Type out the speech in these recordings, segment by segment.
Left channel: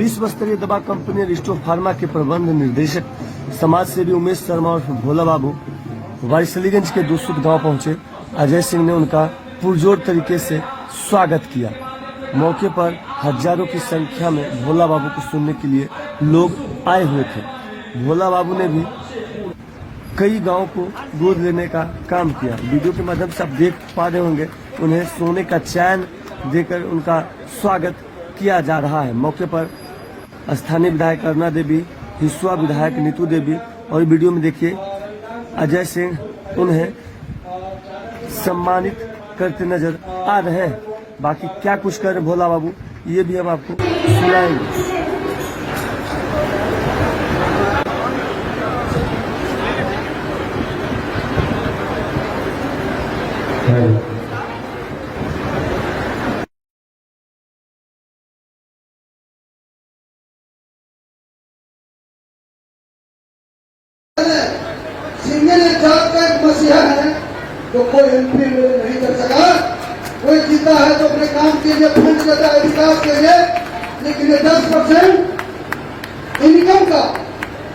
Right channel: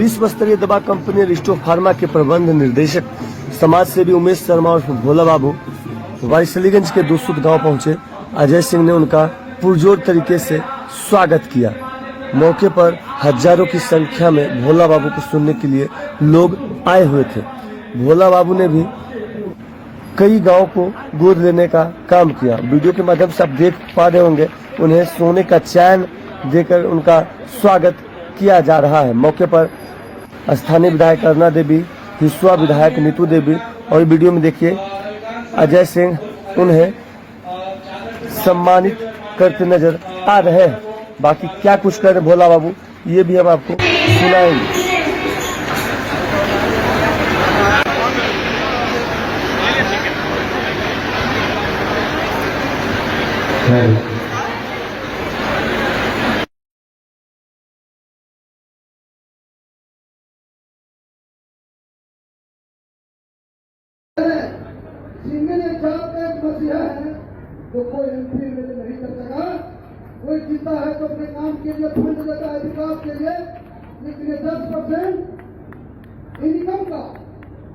विश्व स्तरीय दवा कंपनी रिस्टो फार्मा के प्रबंध निर्देशक समाज सेवी उमेश शर्मा और भोला बाबू वारिसलीगंज के दूसुत गांव पहुंचे। अजय सिंह ने उनका पुरजोर तरीके से स्वागत किया। मौके पर हजारों की संख्या में भोला बाबू को सुनने के लिए लोग आए हुए थे। भोला बाबू ने भी कई गांव को गोद लेने का काम किया। वीडियो के माध्यम से आप देख पा रहे होंगे, उन्हें सोने का चैन देकर उनका स्वागत किया जा रहा है। मौके पर स्थानीय विधायक अरुणा देवी, हिस्वा विधायक नीतू देवी और वीडियो में देखिए अजय सिंह उन्हें सम्मानित करते नजर आ रहे हैं। बाकी क्या कुछ कर रहे भोला बाबू ये भी हम आपको सुनाएंगे। सिंगल जात का एक मसीहा है जो कोई एंट्री नहीं कर सका। कोई जीता है तो अपने काम के लिए फंड देता है विकास के लिए, लेकिन ये 10% इनकम का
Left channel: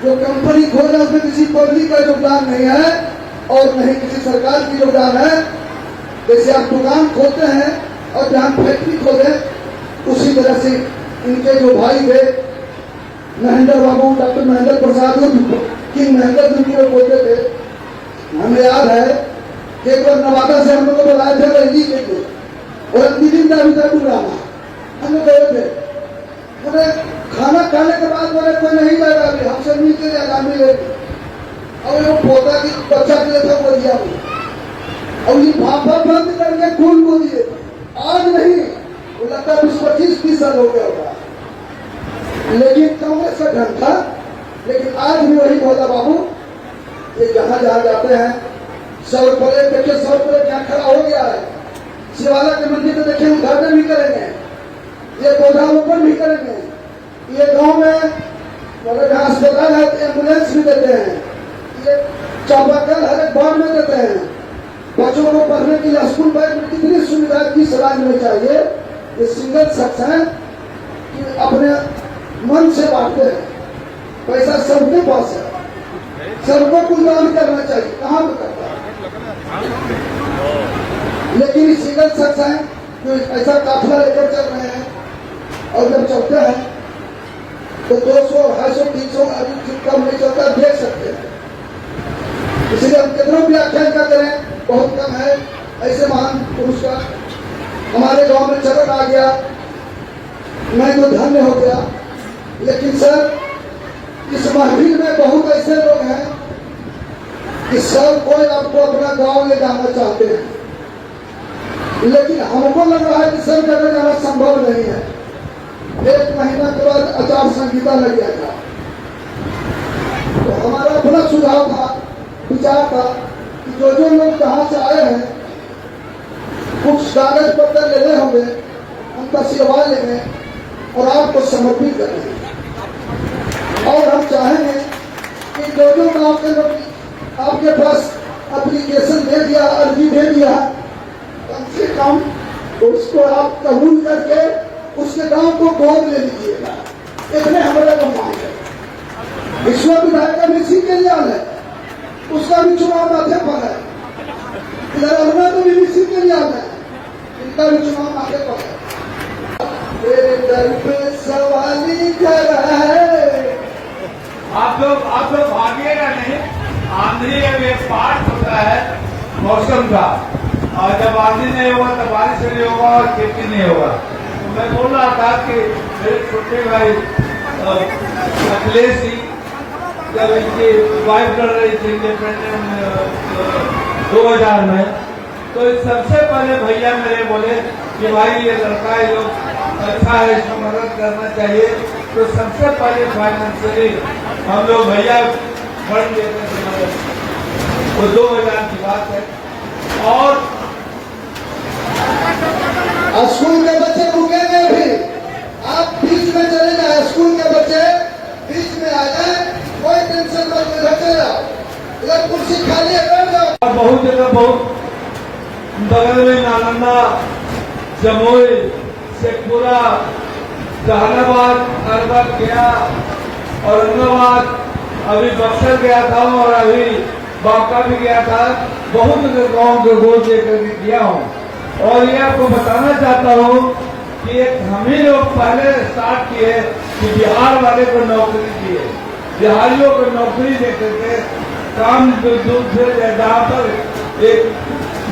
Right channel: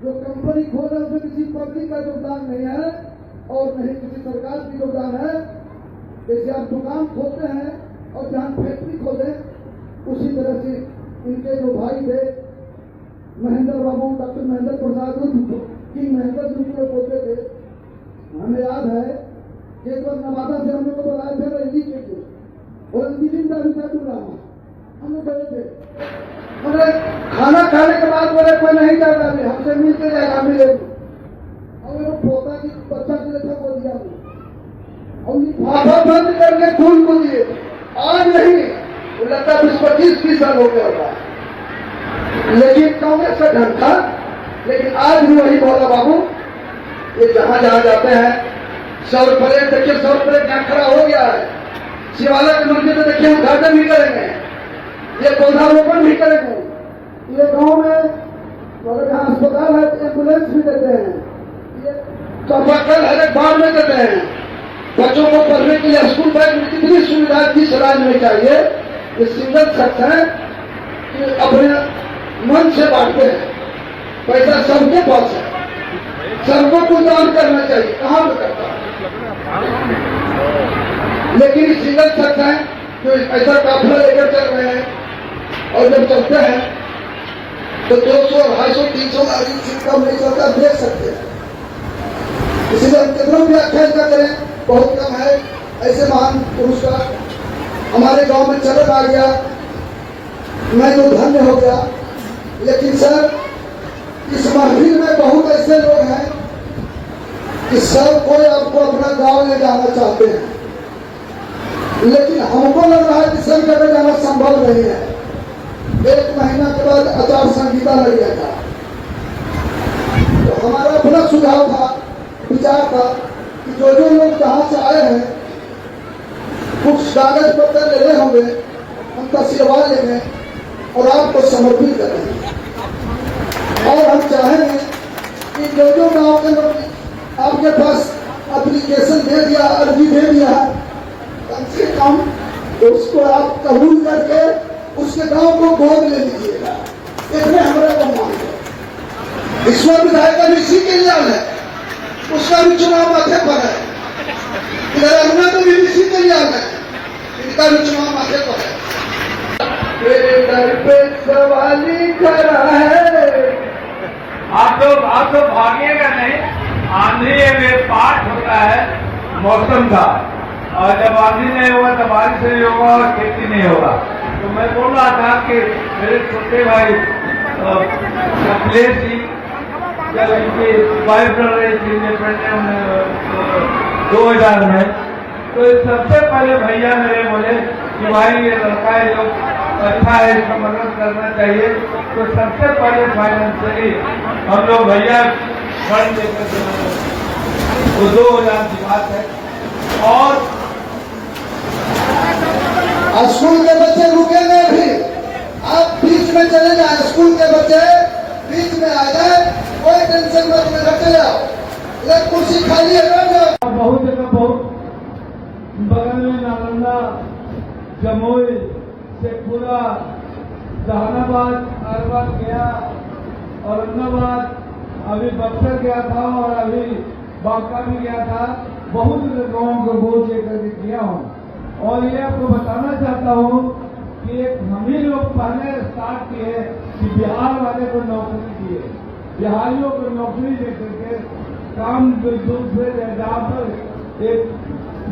जो कंपनी खोल रहा है उसमें किसी पब्लिक का योगदान नहीं है और नहीं किसी सरकार की योगदान है। जैसे आप दुकान खोलते हैं और जहां फैक्ट्री खोले, उसी तरह से इनके जो भाई थे महेंद्र बाबू, डॉक्टर महेंद्र प्रसाद किंग महेंद्र जिनको बोलते थे, हमें याद है कि एक बार नवादा से हम लोग को बुलाए थे रैली के लिए और अंतिम का भी प्रोग्राम हम लोग गए थे। उन्हें खाना खाने के बाद बोले कोई नहीं जाएगा, अभी हमसे मिल के जाएगा मिलेगी। और वो पोता की बच्चा के लिए था वो दिया और ये फाफा बंद करके खून को दिए। आज नहीं, वो लगता है 20-25 साल हो गया होगा, लेकिन कांग्रेस का ढंग था। लेकिन आज भी वही भोला बाबू ये जहां जहां जाते हैं, सौर प्लेट देखिए, सौर प्लेट क्या खड़ा हो गया है। शिवाला के मंदिर में देखिए उद्घाटन भी करेंगे, ये पौधारोपण भी करेंगे। ये गांव में अगर जहां अस्पताल है तो एम्बुलेंस भी देते हैं, ये चापाकल हर एक बार में देते हैं। बच्चों को पढ़ने के लिए स्कूल बैग में कितनी सुविधा किस राज्य में चाहिए। ये सिंगल शख्स है कि अपने मन से बांटते हैं, पैसा सबके पास है, सबको कुछ दान करना चाहिए, कहाँ पे करता है। लेकिन सिंगल शख्स है जो ऐसा काफिला लेकर चल रहे हैं और जब चलते हैं तो 200, 250, 300 आदमी कम नहीं चलता, देख सकते हैं। इसलिए हम कितना भी आख्यान का करें बहुत कम है। ऐसे महान पुरुष का हमारे गांव में चलन आ गया, मैं तो धन्य हो गया। लेकिन सर इस महफिल में बहुत ऐसे लोग हैं कि सब कोई आपको अपना गांव ले जाना चाहते हैं, लेकिन हमको लग रहा है कि सब जगह जाना संभव नहीं है। 1 महीना के बाद आचार संहिता लग गया था, तो हमारा अपना सुझाव था, विचार था कि जो लोग जहां से आए हैं कुछ कागज पत्र ले रहे होंगे, उनका आशीर्वाद लेंगे और आपको समर्पित करेंगे। और हम चाहेंगे कि जो गांव के लोग आपके पास एप्लीकेशन दे दिया, अर्जी दे दिया, कम से कम उसको आप कबूल करके उसके गांव को गोद ले लीजिएगा। इतने हमारे को मांग है। विश्व विधायक का भी इसी के लिए है, उसका भी चुनाव माथे पर है। इधर अरुणा में भी इसी के लिए है, इनका भी चुनाव माथे पर है। डर पे सवाली खड़ा है। आप लोग भागिएगा नहीं। आंधी में पाठ होता है मौसम का, और जब आंधी नहीं होगा तो बारिश नहीं होगा और खेती नहीं होगा। तो मैं बोल रहा था कि मेरे छोटे भाई अखिलेश जी जब इनकी वाइफ कर रही थी 2000 में, तो सबसे पहले भैया मेरे बोले कि भाई ये लड़का है जो अच्छा है, इसको मदद करना चाहिए। तो सबसे पहले फाइनेंशियली हम लोग भैया फंड देते थे, तो 2000 की बात है। और स्कूल के बच्चे रुकेंगे भी, आप बीच में चले जाए, स्कूल के बच्चे बीच में आ जाए, कोई टेंशन मत में रख जाओ, एक कुर्सी खाली है। बहुत जगह बहुत बगल में नालंदा, जमुई, शेखपुरा, जहानाबाद, अरवल गया, औरंगाबाद, अभी बक्सर गया था और अभी बांका भी गया था। बहुत गाँव को गोद लेकर गया हूँ और ये आपको बताना चाहता हूँ कि एक हम ही लोग पहले स्टार्ट किए कि बिहार वाले को नौकरी दिए, बिहारियों को नौकरी देते थे काम दूर से, जहाँ पर एक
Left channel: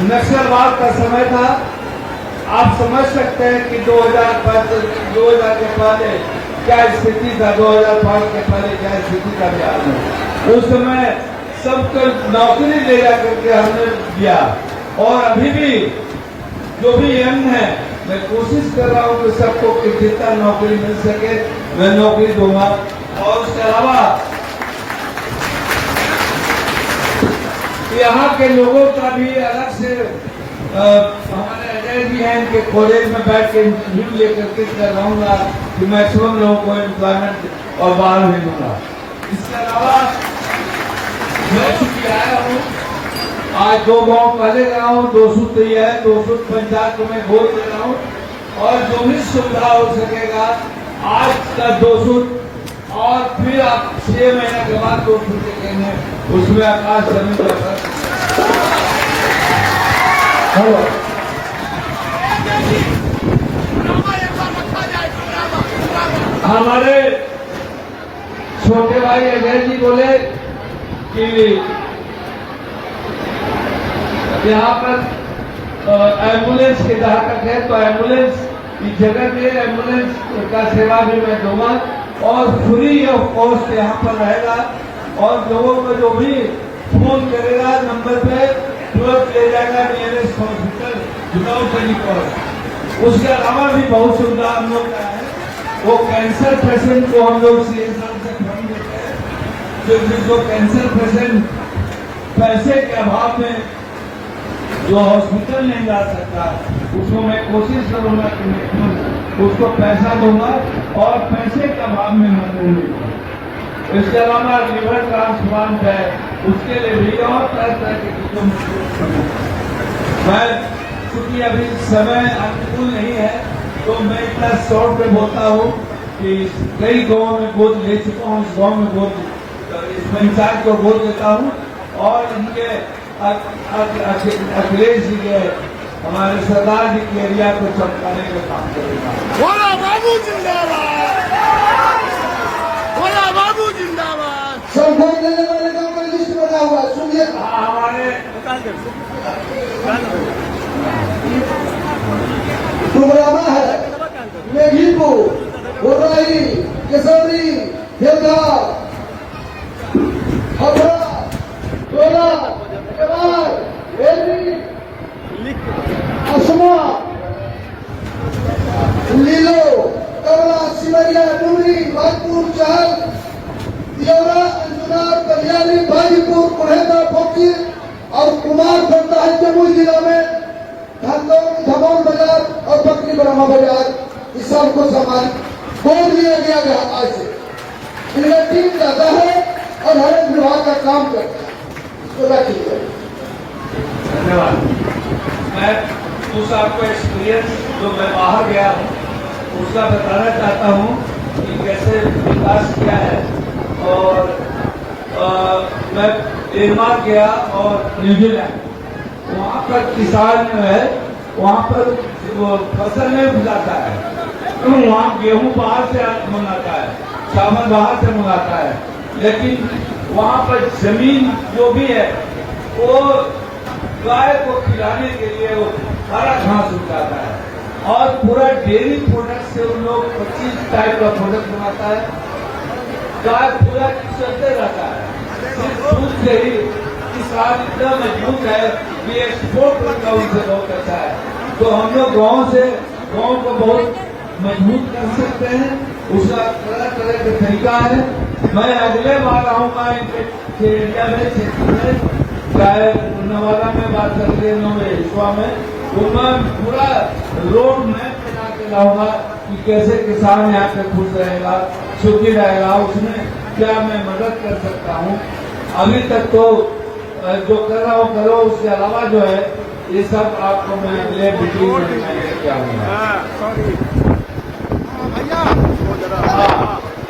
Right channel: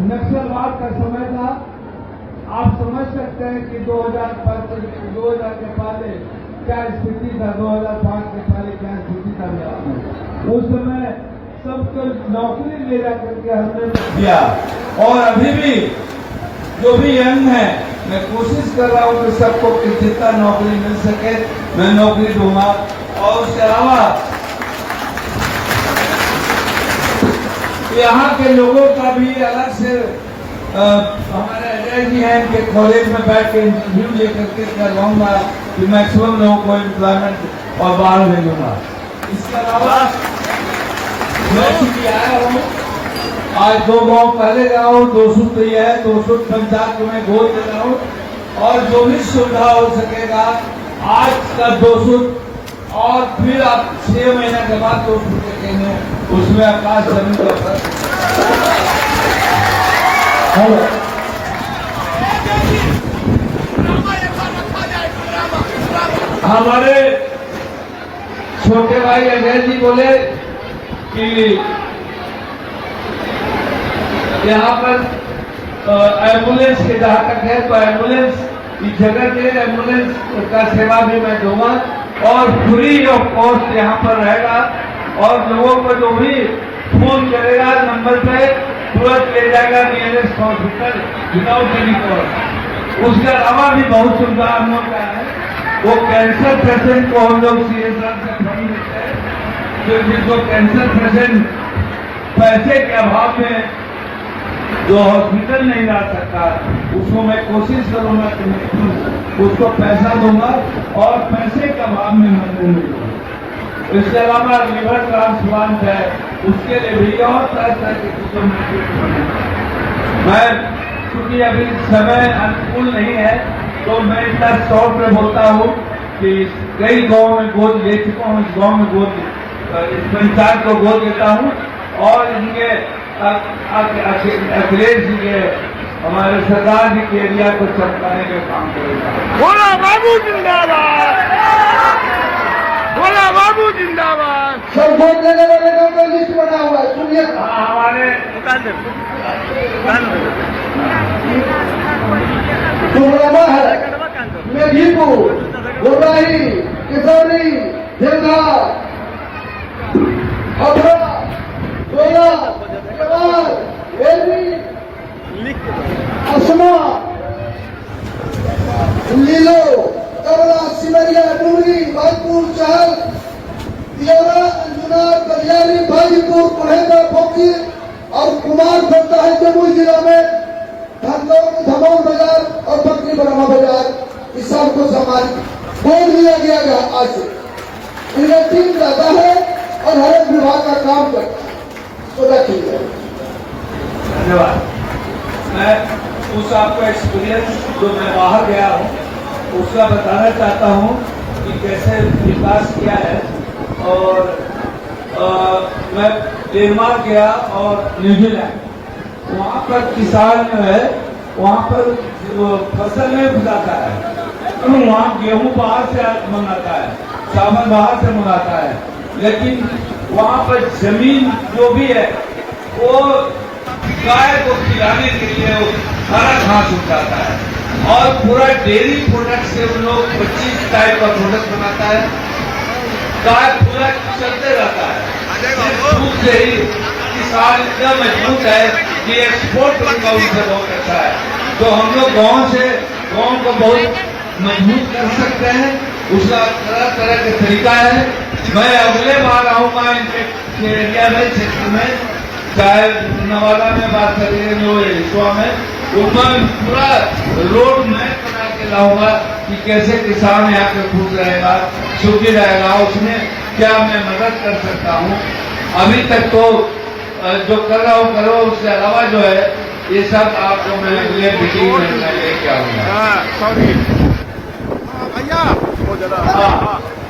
नक्सलवाद का समय था। आप समझ सकते हैं कि 2005 के पहले क्या स्थिति था, 2005 के पहले क्या स्थिति था बिहार में। उस समय सबको नौकरी ले जा करके हमने दिया और अभी भी जो भी यंग है मैं कोशिश कर रहा हूँ कि सबको जितना नौकरी मिल सके मैं नौकरी दूंगा। और उसके अलावा यहाँ के लोगों का भी अलग से हमारे अजय जी हैं कि कॉलेज में बैठ के इंटरव्यू लेकर के करवाऊंगा कि मैक्सिमम लोगों को एम्प्लॉयमेंट और बाहर भेजूंगा। इसके अलावा मैं चुकी आया हूँ, आज 2 गाँव पहले गया हूँ, 200 तैयार है, 200 पंचायत में गोद दे रहा हूँ और जो भी सुविधा हो सकेगा आज का 200 और फिर आप 6 महीने के बाद 200 देंगे, उसमें आकाश जमीन का हमारे छोटे भाई अजय जी बोले कि यहाँ पर एम्बुलेंस के जहाँ तक है तो एम्बुलेंस इस जगह के एम्बुलेंस का सेवा भी मैं दूंगा और फ्री ऑफ कॉस्ट यहाँ पर रहेगा और लोगों को जो भी फोन करेगा नंबर पे तुरंत ले जाएगा nearest hospital without any cost. उसके अलावा भी बहुत सुविधा हम लोग का है। वो कैंसर पेशेंट को हम लोग CSR से फंड देते हैं, जो कैंसर पेशेंट पैसे के अभाव में जो हॉस्पिटल नहीं जा सकता उसको मैं कोशिश करूंगा कि मैं उसको पैसा दूंगा और पैसे के अभाव में मैं दूंगा। इसके अलावा लिवर ट्रांसप्लांट है, उसके लिए भी और तरह के मैं चूंकि अभी समय अनुकूल नहीं है तो मैं इतना शॉर्ट में बोलता हूँ कि कई गाँव में गोद ले चुका हूँ, इस गाँव में गोद इस पंचायत को गोद देता हूँ और इनके अखिलेश जी के हमारे सरदार जी के एरिया को चमकाने का काम करेगा। भोला बाबू जिंदाबाद, भोला बाबू जिंदाबाद। सब वोट देने वाले का कोई लिस्ट बना हुआ है, सुनिए। हमारे डुमरामा है, मेघीपुर, गोराई, किसौनी, देवघर, हथुआ, डोला, जवार, वेलवी, असमा, लीलो, कमला, सिमरिया, डूरी, भाजपुर, चहल, तिलौरा, अंजुना, कल्याणी, भाजीपुर, महेंद्र, फोकी और कुमार बनता है जमुई जिला में धमौन बाजार और बकरी बरामा बाजार। इस सब को समाज बोल दिया गया है। आज से इनका टीम ज्यादा है और हर एक विभाग का काम करता है। तो रखिए धन्यवाद। मैं उस आपका एक्सपीरियंस जो मैं बाहर गया हूँ उसका बताना चाहता हूँ कि कैसे विकास किया है। और मैं डेनमार्क गया और न्यूजीलैंड, वहाँ पर किसान जो है वहाँ पर फसल नहीं उगाता है, वहाँ गेहूं बाहर से मंगाता है, चावल बाहर से मंगाता है, लेकिन वहाँ पर जमीन जो भी है वो गाय को खिलाने के लिए हरा घास उगाता है और पूरा डेयरी प्रोडक्ट से उन लोग 25 टाइप का प्रोडक्ट बनाता है। गाय पूरा चलते रहता है, दूध से ही किसान इतना मजबूत है कि एक्सपोर्ट करना उनसे बहुत अच्छा है। तो हम लोग गाँव को बहुत मजबूत कर सकते हैं, उसका तरह तरह के तरीका है। मैं अगले बार आऊंगा इनके एरिया में, क्षेत्र में, चाहे नवादा में बात करिए लोहितवा में, तो मैं पूरा रोड मैप बना के लाऊंगा कि कैसे किसान यहाँ पे खुश रहेगा, सुखी रहेगा, उसमें क्या मैं मदद कर सकता हूँ। अभी तक तो जो कर रहा हूँ करो, उसके अलावा जो है ये सब आपको मैं अगले मीटिंग में लेके आऊंगा। हाँ,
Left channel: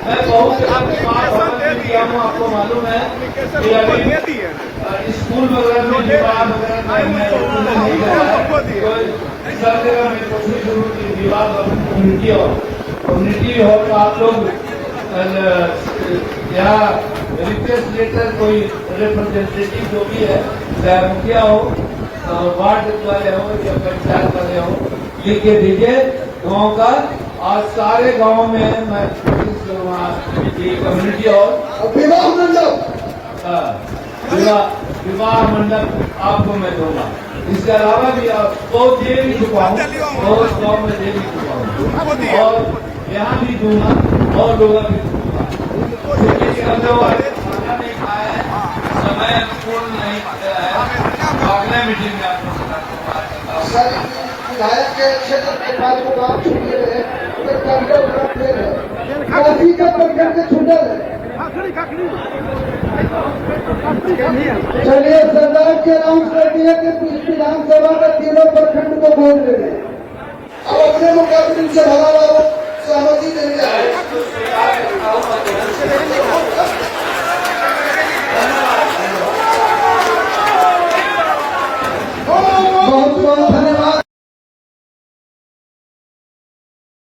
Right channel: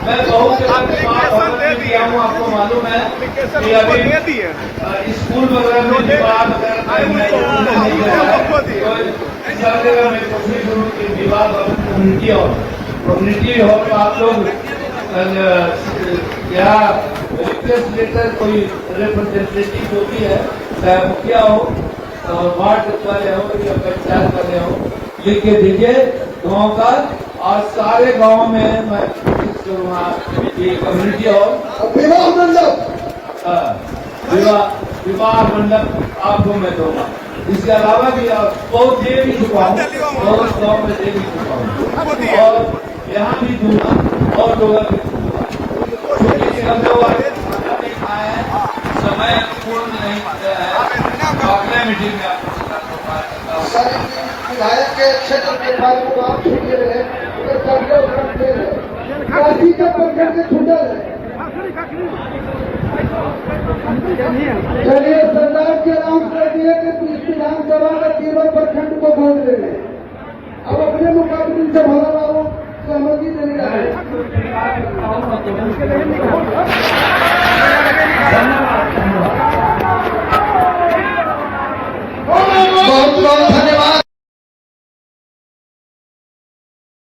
मैं बहुत जगह की बात होने दिया हूँ, आपको मालूम है कि अभी स्कूल वगैरह में विवाद वगैरह नहीं हो रहा है, तो सब जगह मैं कोशिश करूँ कि विवाद कम्युनिटी हो तो आप लोग यहाँ रिक्वेस्ट लेटर कोई रिप्रेजेंटेटिव जो भी है, चाहे मुखिया हो, वार्ड वाले हो या पंचायत वाले हो, लिख के दीजिए गाँव का, और सारे गांव में मैं कोशिश करूंगा कि कम्युनिटी और विवाह मंडप विवाह मंडप आपको मैं दूंगा। इसके अलावा भी और बहुत ये भी चुकाऊँ, बहुत गाँव में ये भी चुकाऊँ, और यहाँ भी दूंगा और लोगों भी दूंगा। समय पूर्ण नहीं किया है, अगले मीटिंग में सर विधायक के क्षेत्र के बारे में बात छूट रहे तो काफी का प्रखंड के छूटे चलिए सरदार जी अनाउंस कर दिए कि विधानसभा में 13 प्रखंड को वोट देंगे। अब अपने मुकाबले से भला सहमति देने